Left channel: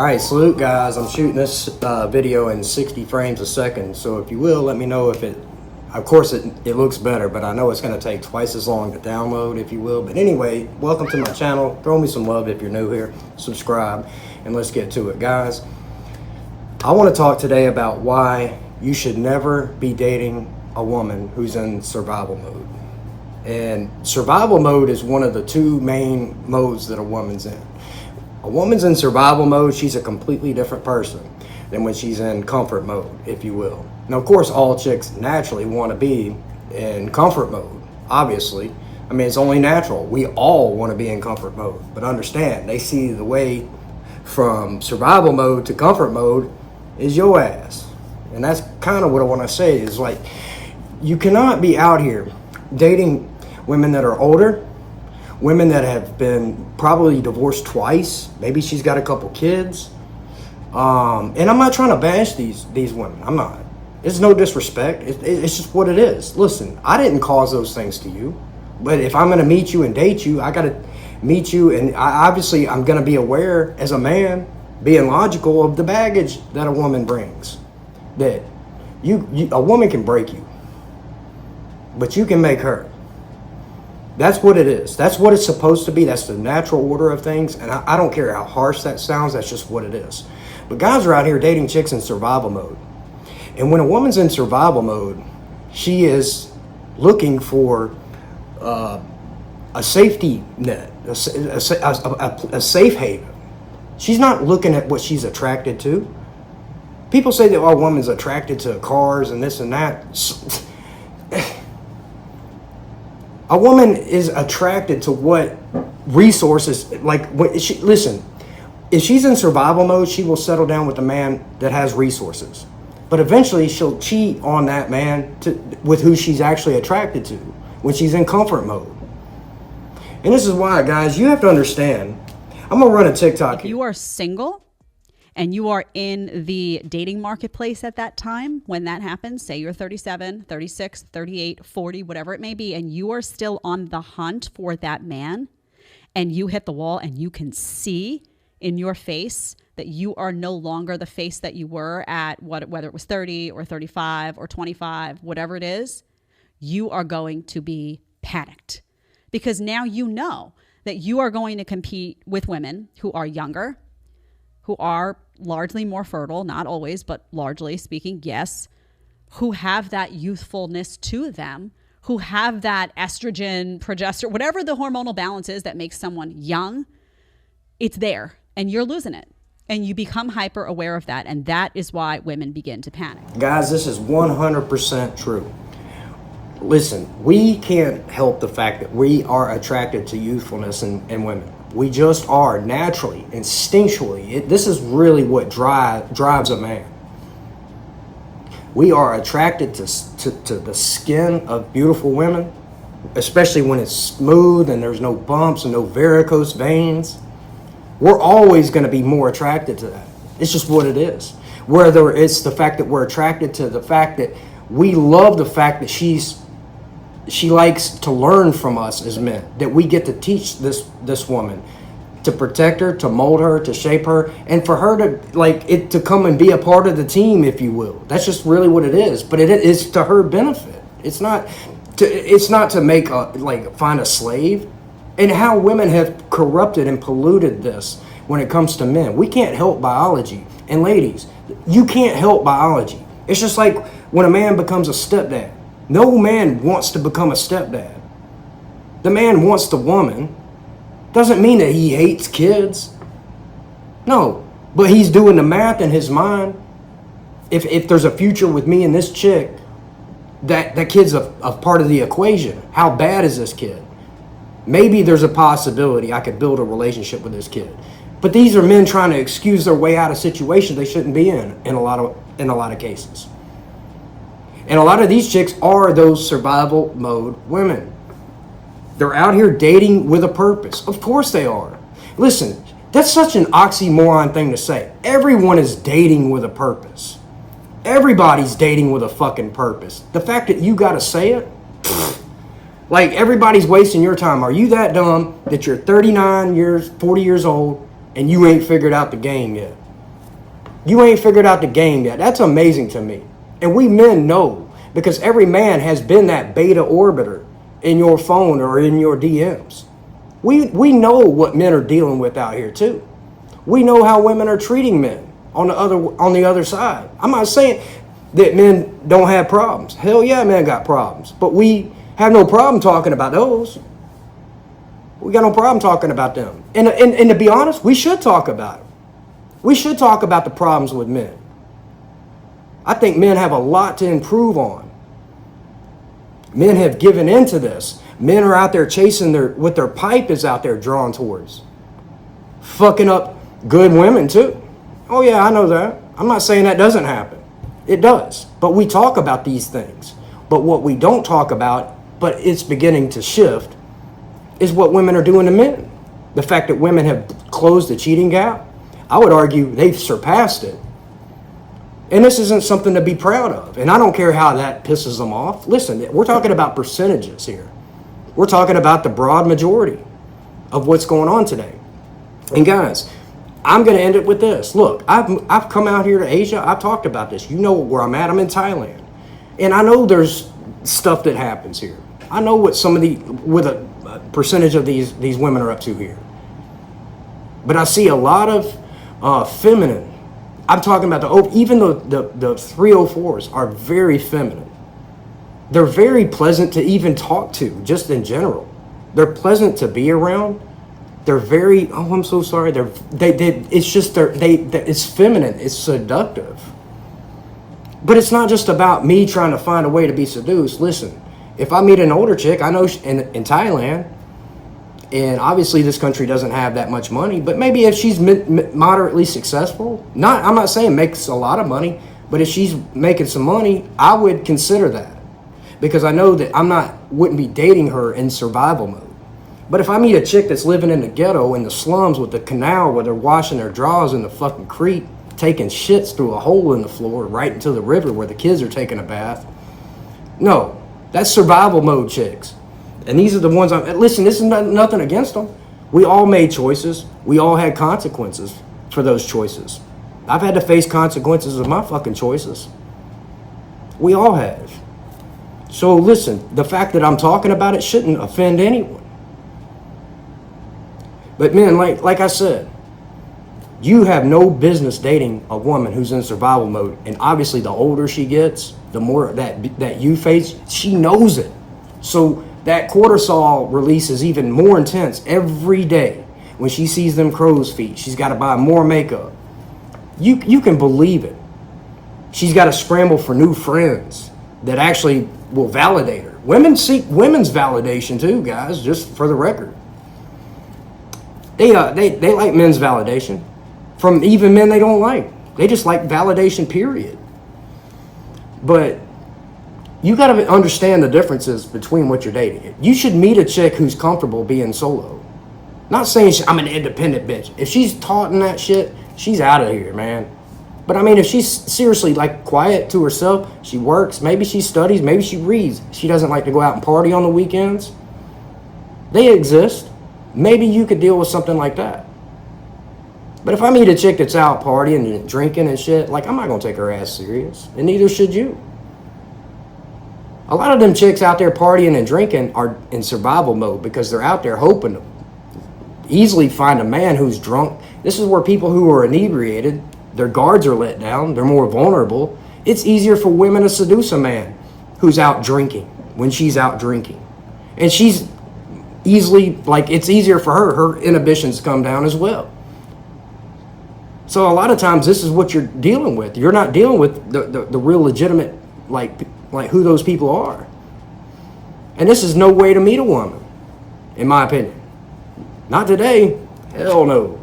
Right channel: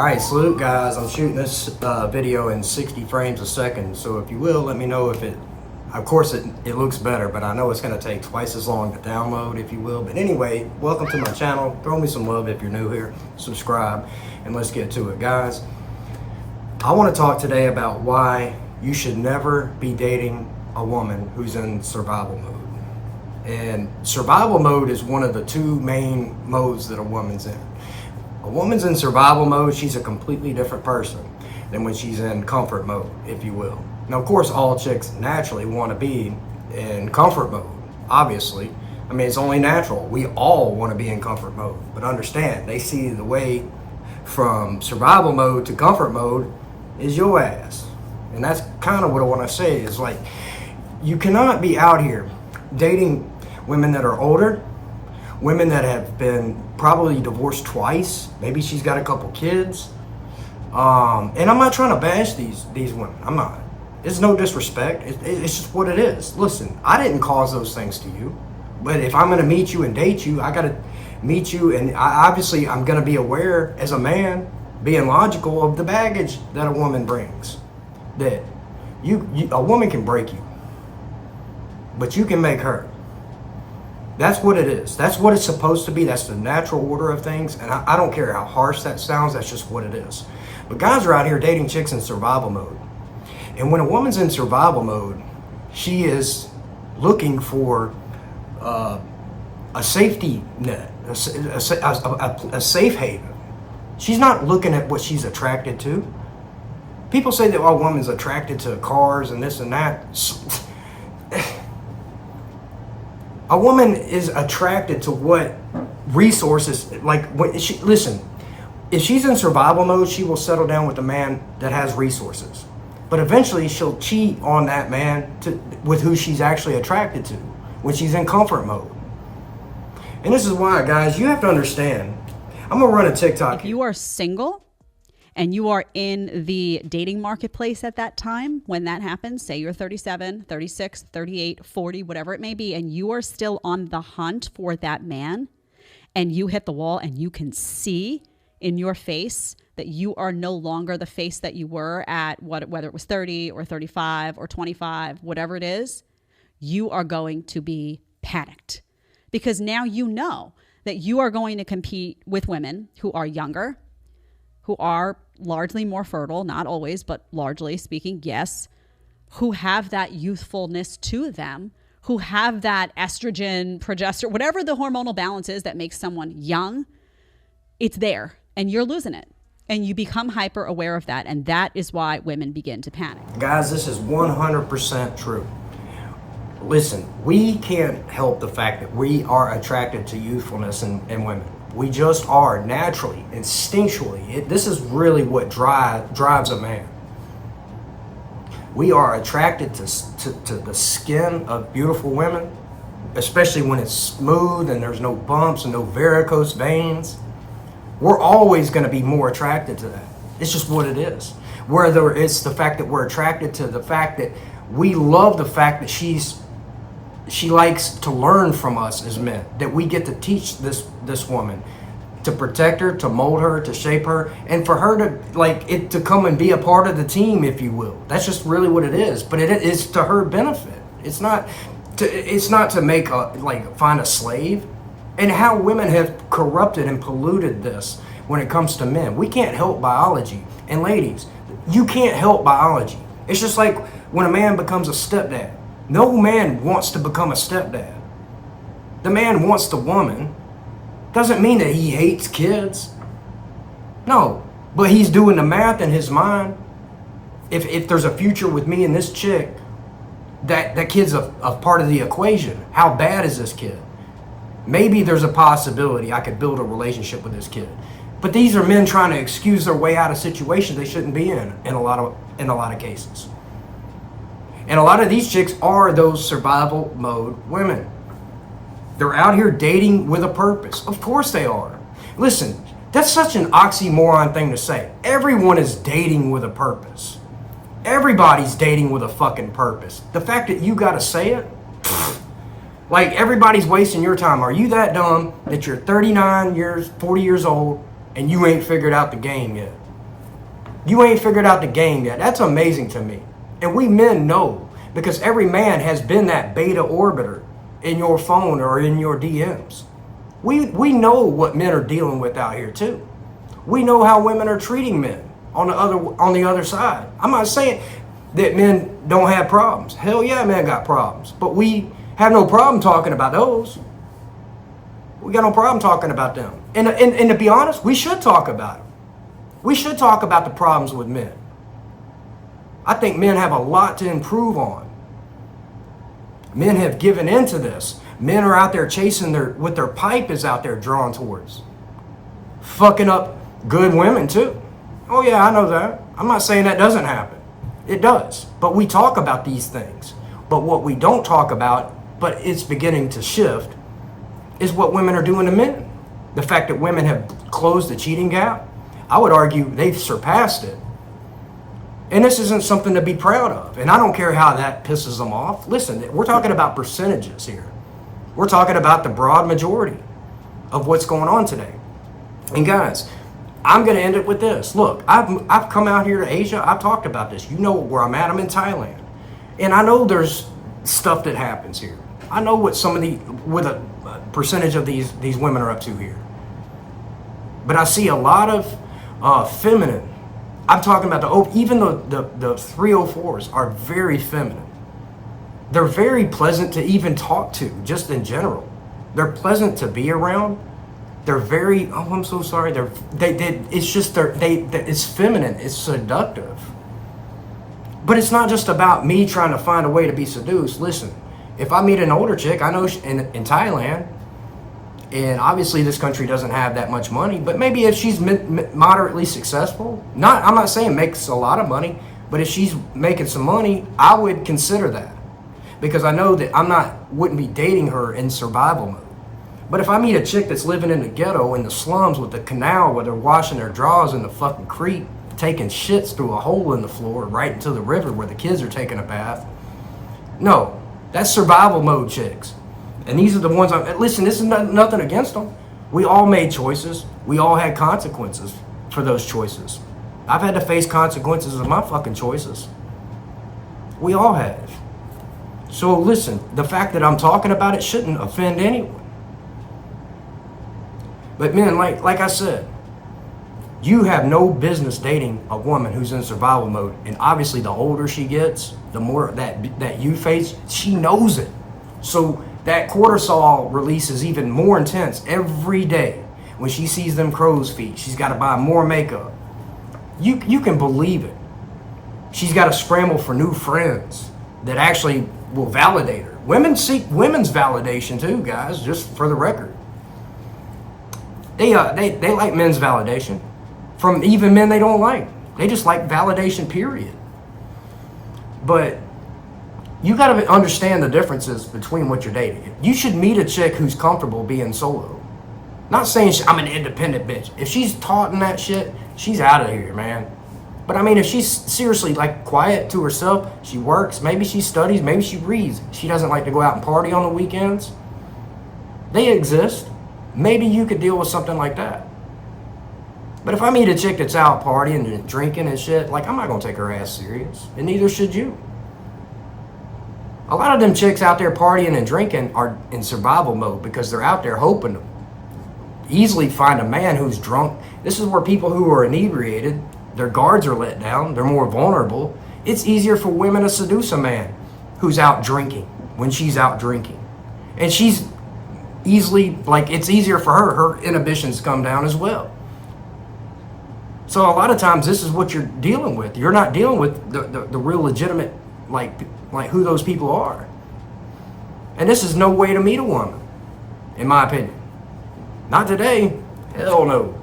All right, salute guys. I'm shooting this video in 60 frames a second. So if you will, let me know if of course it looks better, but I know it's gonna take twice as long to download, if you will. But anyway, welcome to my channel. Throw me some love if you're new here, subscribe, and let's get to it, guys. I wanna talk today about why you should never be dating a woman who's in survival mode. And survival mode is one of the two main modes that a woman's in. A woman's in survival mode, she's a completely different person than when she's in comfort mode, if you will. Now, of course, all chicks naturally want to be in comfort mode, obviously. I mean, it's only natural. We all want to be in comfort mode. But understand, they see the way from survival mode to comfort mode is your ass. And that's kind of what I want to say is like, you cannot be out here dating women that are older, women that have been probably divorced twice. Maybe she's got a couple kids. And I'm not trying to bash these women. I'm not. It's no disrespect. It's just what it is. Listen, I didn't cause those things to you. But if I'm going to meet you and date you, I got to meet you. And obviously, I'm going to be aware as a man, being logical of the baggage that a woman brings. That a woman can break you, but you can make her. That's what it is. That's what it's supposed to be. That's the natural order of things. And I don't care how harsh that sounds. That's just what it is. But guys are out here dating chicks in survival mode. And when a woman's in survival mode, she is looking for a safety net, a safe haven. She's not looking at what she's attracted to. People say that a woman's attracted to cars and this and that. A woman is attracted to what resources, listen, if she's in survival mode, she will settle down with a man that has resources. But eventually she'll cheat on that man with who she's actually attracted to when she's in comfort mode. And this is why, guys, you have to understand, I'm gonna run a TikTok. If you are single and you are in the dating marketplace at that time, when that happens, say you're 37, 36, 38, 40, whatever it may be, and you are still on the hunt for that man, and you hit the wall and you can see in your face that you are no longer the face that you were at whether it was 30 or 35 or 25, whatever it is, you are going to be panicked. Because now you know that you are going to compete with women who are younger, who are largely more fertile, not always, but largely speaking, yes, who have that youthfulness to them, who have that estrogen, progesterone, whatever the hormonal balance is that makes someone young, it's there and you're losing it. And you become hyper aware of that. And that is why women begin to panic. Guys, this is 100% true. Listen, we can't help the fact that we are attracted to youthfulness in women. We just are naturally, instinctually. This is really what drives a man. We are attracted to the skin of beautiful women, especially when it's smooth and there's no bumps and no varicose veins. We're always going to be more attracted to that. It's just what it is. Whether it's the fact that we're attracted to the fact that we love the fact that she likes to learn from us as men, that we get to teach this woman, to protect her, to mold her, to shape her, and for her to come and be a part of the team, if you will. That's just really what it is. But it is to her benefit. It's not to make find a slave. And how women have corrupted and polluted this when it comes to men. We can't help biology. And ladies, you can't help biology. It's just like when a man becomes a stepdad. No man wants to become a stepdad. The man wants the woman. Doesn't mean that he hates kids. No, but he's doing the math in his mind. If there's a future with me and this chick, that kid's a part of the equation. How bad is this kid? Maybe there's a possibility I could build a relationship with this kid. But these are men trying to excuse their way out of situations they shouldn't be in a lot of cases. And a lot of these chicks are those survival mode women. They're out here dating with a purpose. Of course they are. Listen, that's such an oxymoron thing to say. Everyone is dating with a purpose. Everybody's dating with a fucking purpose. The fact that you gotta say it, like everybody's wasting your time. Are you that dumb that you're 39 years, 40 years old, and you ain't figured out the game yet? You ain't figured out the game yet. That's amazing to me. And we men know, because every man has been that beta orbiter in your phone or in your DMs. We know what men are dealing with out here too. We know how women are treating men on the other side. I'm not saying that men don't have problems. Hell yeah, men got problems. But we have no problem talking about those. We got no problem talking about them. And to be honest, we should talk about them. We should talk about the problems with men. I think men have a lot to improve on. Men have given into this. Men are out there chasing what their pipe is out there drawn towards. Fucking up good women too. Oh yeah, I know that. I'm not saying that doesn't happen. It does. But we talk about these things. But what we don't talk about, but it's beginning to shift, is what women are doing to men. The fact that women have closed the cheating gap, I would argue they've surpassed it. And this isn't something to be proud of. And I don't care how that pisses them off. Listen, we're talking about percentages here. We're talking about the broad majority of what's going on today. And guys, I'm going to end it with this. Look, I've come out here to Asia. I've talked about this. You know where I'm at. I'm in Thailand. And I know there's stuff that happens here. I know what with a percentage of these women are up to here. But I see a lot of feminine. I'm talking about even the 304s are very feminine. They're very pleasant to even talk to, just in general. They're pleasant to be around. They're very, oh, I'm so sorry. It's feminine. It's seductive. But it's not just about me trying to find a way to be seduced. Listen, if I meet an older chick, I know in Thailand, and obviously this country doesn't have that much money, but maybe if she's moderately successful, I'm not saying makes a lot of money, but if she's making some money, I would consider that. Because I know that wouldn't be dating her in survival mode. But if I meet a chick that's living in the ghetto, in the slums with the canal where they're washing their drawers in the fucking creek, taking shits through a hole in the floor right into the river where the kids are taking a bath. No, that's survival mode chicks. And these are the ones listen, this is nothing against them. We all made choices. We all had consequences for those choices. I've had to face consequences of my fucking choices. We all have. So listen, the fact that I'm talking about it shouldn't offend anyone. But men, like I said, you have no business dating a woman who's in survival mode. And obviously the older she gets, the more that you face, she knows it. So that cortisol release is even more intense every day. When she sees them crow's feet, she's got to buy more makeup. You can believe it. She's got to scramble for new friends that actually will validate her. Women seek women's validation too, guys, just for the record. They like men's validation from even men they don't like. They just like validation, period. But you got to understand the differences between what you're dating. You should meet a chick who's comfortable being solo. Not saying I'm an independent bitch. If she's taught in that shit, she's out of here, man. But I mean, if she's seriously like quiet to herself, she works, maybe she studies, maybe she reads. She doesn't like to go out and party on the weekends. They exist. Maybe you could deal with something like that. But if I meet a chick that's out partying and drinking and shit, like, I'm not going to take her ass serious. And neither should you. A lot of them chicks out there partying and drinking are in survival mode because they're out there hoping to easily find a man who's drunk. This is where people who are inebriated, their guards are let down, they're more vulnerable. It's easier for women to seduce a man who's out drinking when she's out drinking. And she's easily, like, it's easier for her inhibitions come down as well. So a lot of times this is what you're dealing with. You're not dealing with the real legitimate, like who those people are. And this is no way to meet a woman, in my opinion. Not today. Hell no.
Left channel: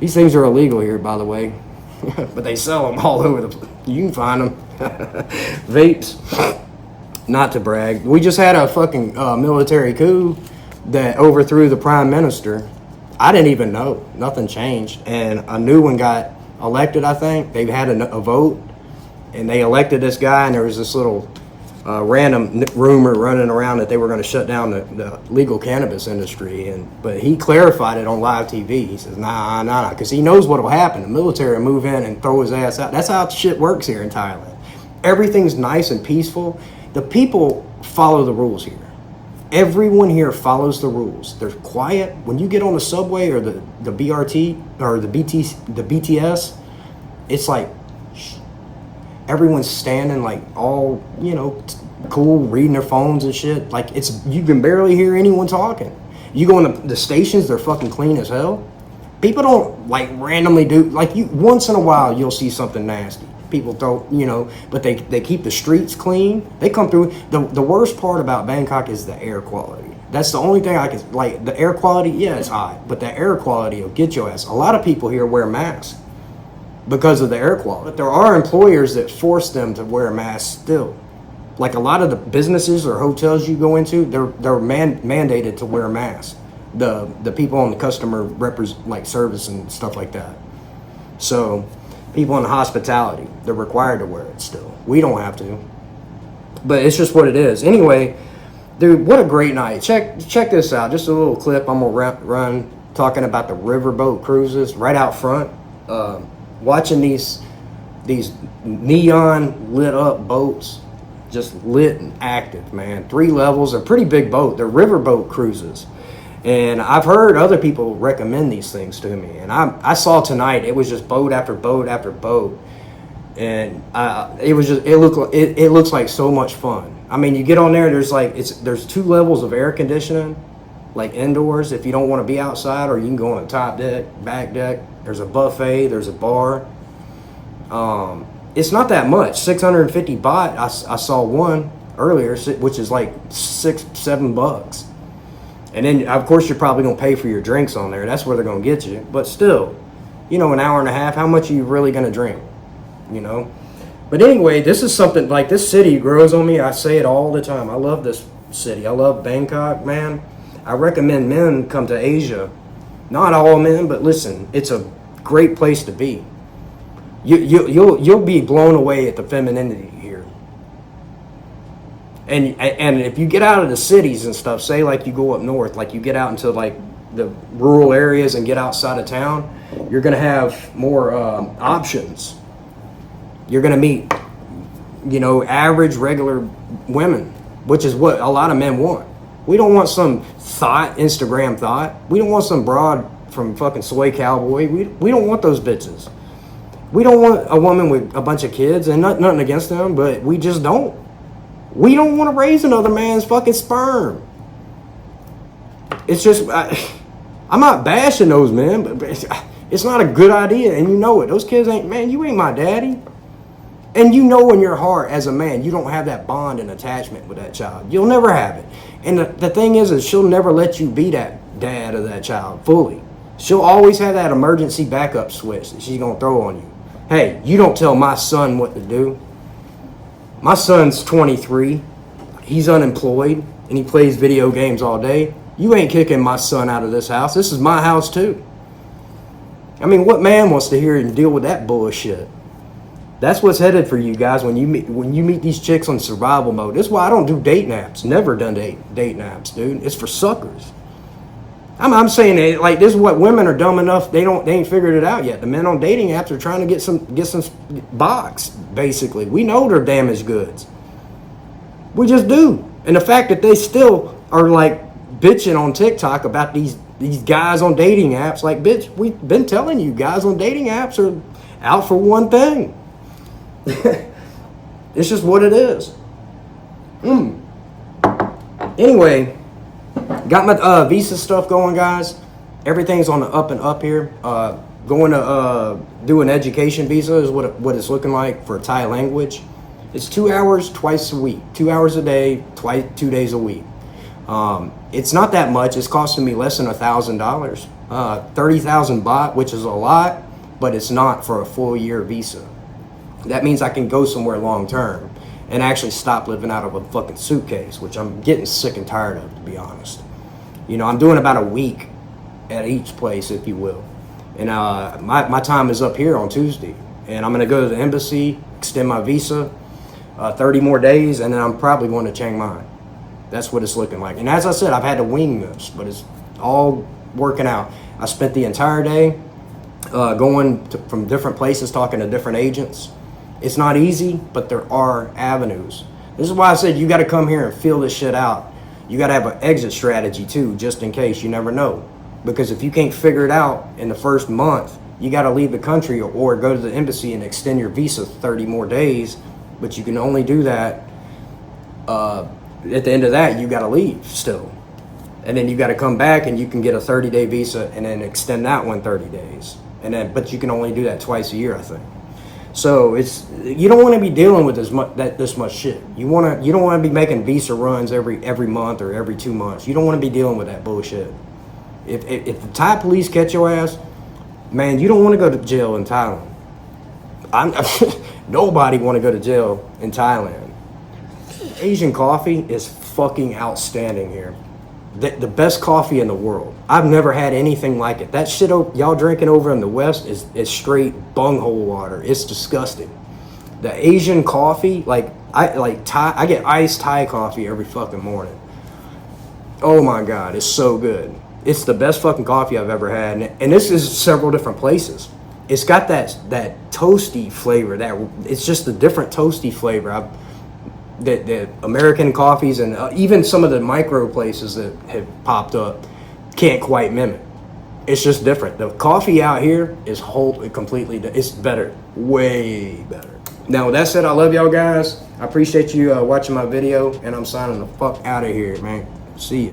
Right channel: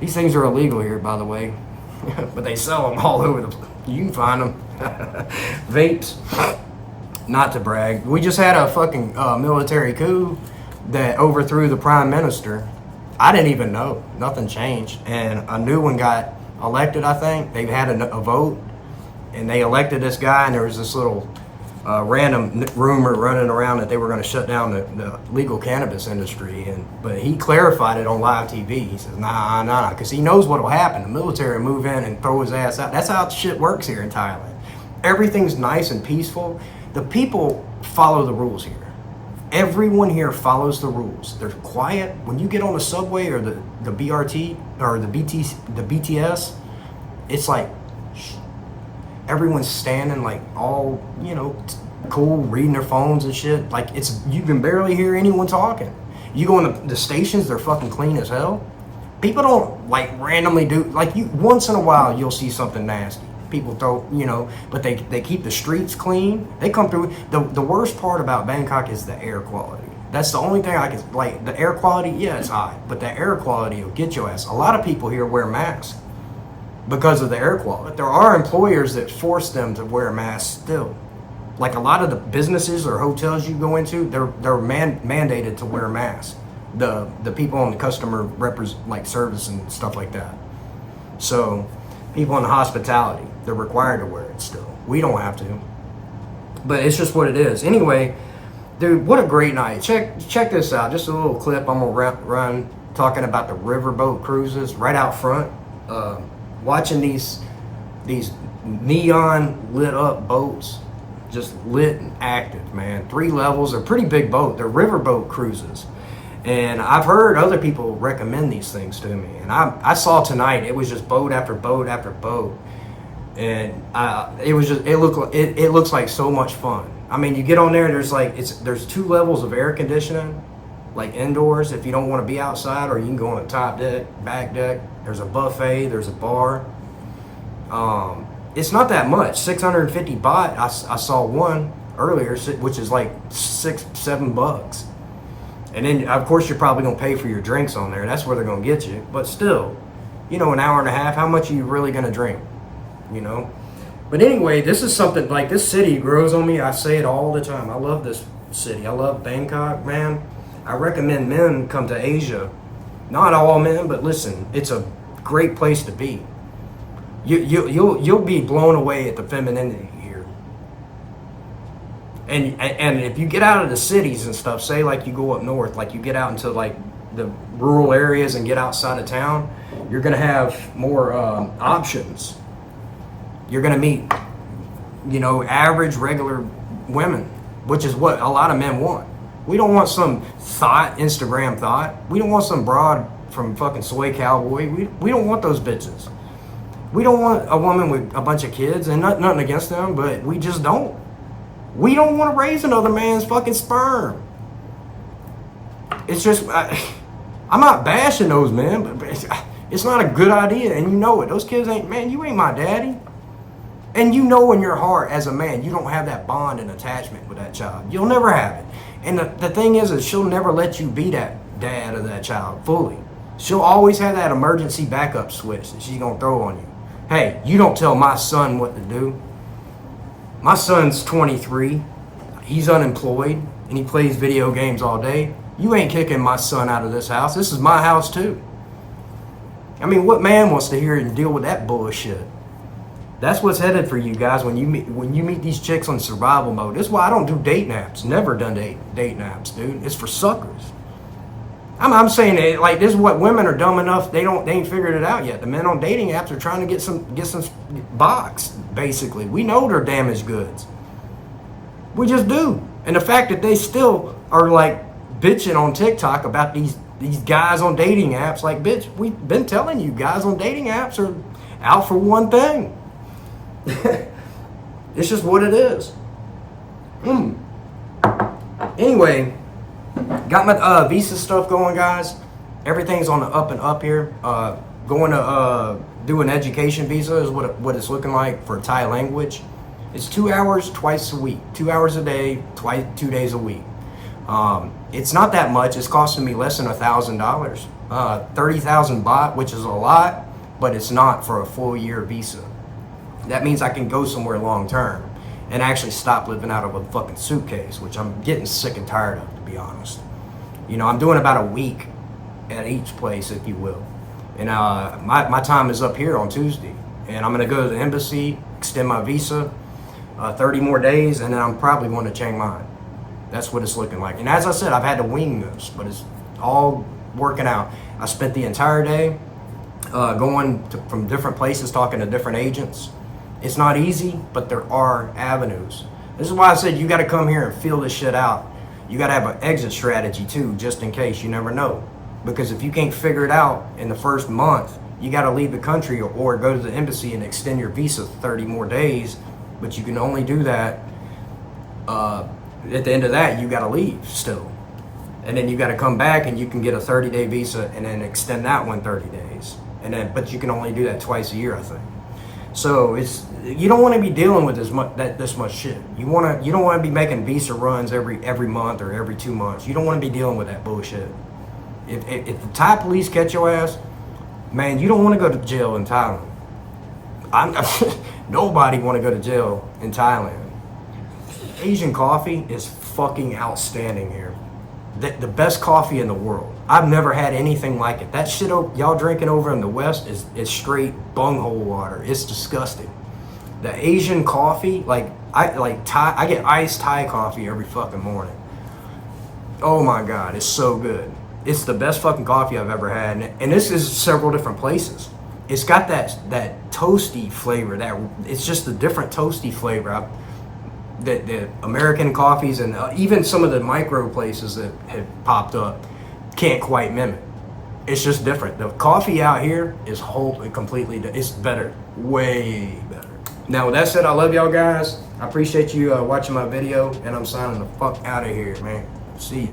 These things are illegal here, by the way. But they sell them all over you can find them. Vapes. Not to brag. We just had a fucking military coup that overthrew the prime minister. I didn't even know. Nothing changed. And a new one got elected, I think. They had a vote, and they elected this guy, and there was this little random rumor running around that they were going to shut down the legal cannabis industry, but he clarified it on live TV. He says, nah, because he knows what will happen. The military will move in and throw his ass out. That's how shit works here in Thailand. Everything's nice and peaceful. The people follow the rules here. Everyone here follows the rules. They're quiet. When you get on the subway or the BRT or the BTS, it's like everyone's standing like all, cool, reading their phones and shit. Like you can barely hear anyone talking. You go in the stations, they're fucking clean as hell. People don't like randomly do, like once in a while you'll see something nasty. People don't, but they keep the streets clean. They come through. The worst part about Bangkok is the air quality. That's the only thing I can, like, the air quality, yeah, it's high, but the air quality will get your ass. A lot of people here wear masks because of the air quality. But there are employers that force them to wear masks still. Like a lot of the businesses or hotels you go into, they're mandated to wear masks. The people on the customer service and stuff like that. So people in hospitality, they're required to wear it still. We don't have to. But it's just what it is. Anyway, dude, what a great night. Check this out. Just a little clip I'm going to run talking about the riverboat cruises right out front. Watching these neon lit up boats, just lit and active, man. 3 levels, a pretty big boat. They're riverboat cruises. And I've heard other people recommend these things to me. And I saw tonight, it was just boat after boat after boat. And it looks like so much fun. I mean, you get on there, there's 2 levels of air conditioning, like indoors if you don't want to be outside, or you can go on the top deck, back deck. There's a buffet, there's a bar. It's not that much, 650 baht. I saw one earlier, which is like $6-7. And then, of course, you're probably going to pay for your drinks on there. That's where they're going to get you. But still, an hour and a half, how much are you really going to drink? But anyway, this is something, like, this city grows on me. I say it all the time. I love this city. I love Bangkok, man. I recommend men come to Asia. Not all men, but listen, it's a great place to be. You'll be blown away at the femininity here. And if you get out of the cities and stuff, say like you go up north, like you get out into like the rural areas and get outside of town, you're gonna have more options. You're gonna meet, average, regular women, which is what a lot of men want. We don't want some Instagram thought. We don't want some broad from fucking Soy Cowboy. We don't want those bitches. We don't want a woman with a bunch of kids, and nothing against them, but we just don't. We don't want to raise another man's fucking sperm. It's just, I'm not bashing those men, but it's not a good idea, and you know it. Those kids you ain't my daddy. And you know in your heart as a man, you don't have that bond and attachment with that child. You'll never have it. And the thing is she'll never let you be that dad of that child fully. She'll always have that emergency backup switch that she's going to throw on you. Hey, you don't tell my son what to do. My son's 23. He's unemployed, and he plays video games all day. You ain't kicking my son out of this house. This is my house, too. I mean, what man wants to hear and deal with that bullshit? That's what's headed for you guys when you meet these chicks on survival mode. This is why I don't do date naps. Never done date naps, dude. It's for suckers. I'm saying it like this is what women are dumb enough they ain't figured it out yet. The men on dating apps are trying to get some box. Basically, we know they're damaged goods. We just do. And the fact that they still are like bitching on TikTok about these guys on dating apps, like, bitch, we've been telling you, guys on dating apps are out for one thing. It's just what it is. Anyway, got my visa stuff going, guys. Everything's on the up and up here. Going to do an education visa is what it's looking like for Thai language. It's 2 hours twice a week, 2 hours a day, 2 days a week. It's not that much. It's costing me less than $1,000, 30,000 baht, which is a lot, but it's not for a full year visa. That means I can go somewhere long term and actually stop living out of a fucking suitcase, which I'm getting sick and tired of, to be honest. I'm doing about a week at each place, if you will. And my time is up here on Tuesday. And I'm going to go to the embassy, extend my visa, 30 more days, and then I'm probably going to Chiang Mai. That's what it's looking like. And as I said, I've had to wing this, but it's all working out. I spent the entire day from different places, talking to different agents. It's not easy, but there are avenues. This is why I said you got to come here and feel this shit out. You got to have an exit strategy too, just in case. You never know. Because if you can't figure it out in the first month, you got to leave the country or go to the embassy and extend your visa 30 more days. But you can only do that. At the end of that, you got to leave still. And then you got to come back and you can get a 30-day visa and then extend that one 30 days. But you can only do that twice a year, I think. So you don't want to be dealing with this much shit. You don't want to be making visa runs every month or every 2 months. You don't want to be dealing with that bullshit. If the Thai police catch your ass, man, you don't want to go to jail in Thailand. Nobody want to go to jail in Thailand. Asian coffee is fucking outstanding here. The best coffee in the world. I've never had anything like it. That shit y'all drinking over in the West is straight bunghole water. It's disgusting. The Asian coffee, I get iced Thai coffee every fucking morning. Oh my God, it's so good. It's the best fucking coffee I've ever had. And this is several different places. It's got that toasty flavor. It's just a different toasty flavor. The American coffees and even some of the micro places that have popped up can't quite mimic. It's just different. The coffee out here is it's better, way better. Now with that said, I love y'all guys. I appreciate you watching my video, and I'm signing the fuck out of here, man. See you.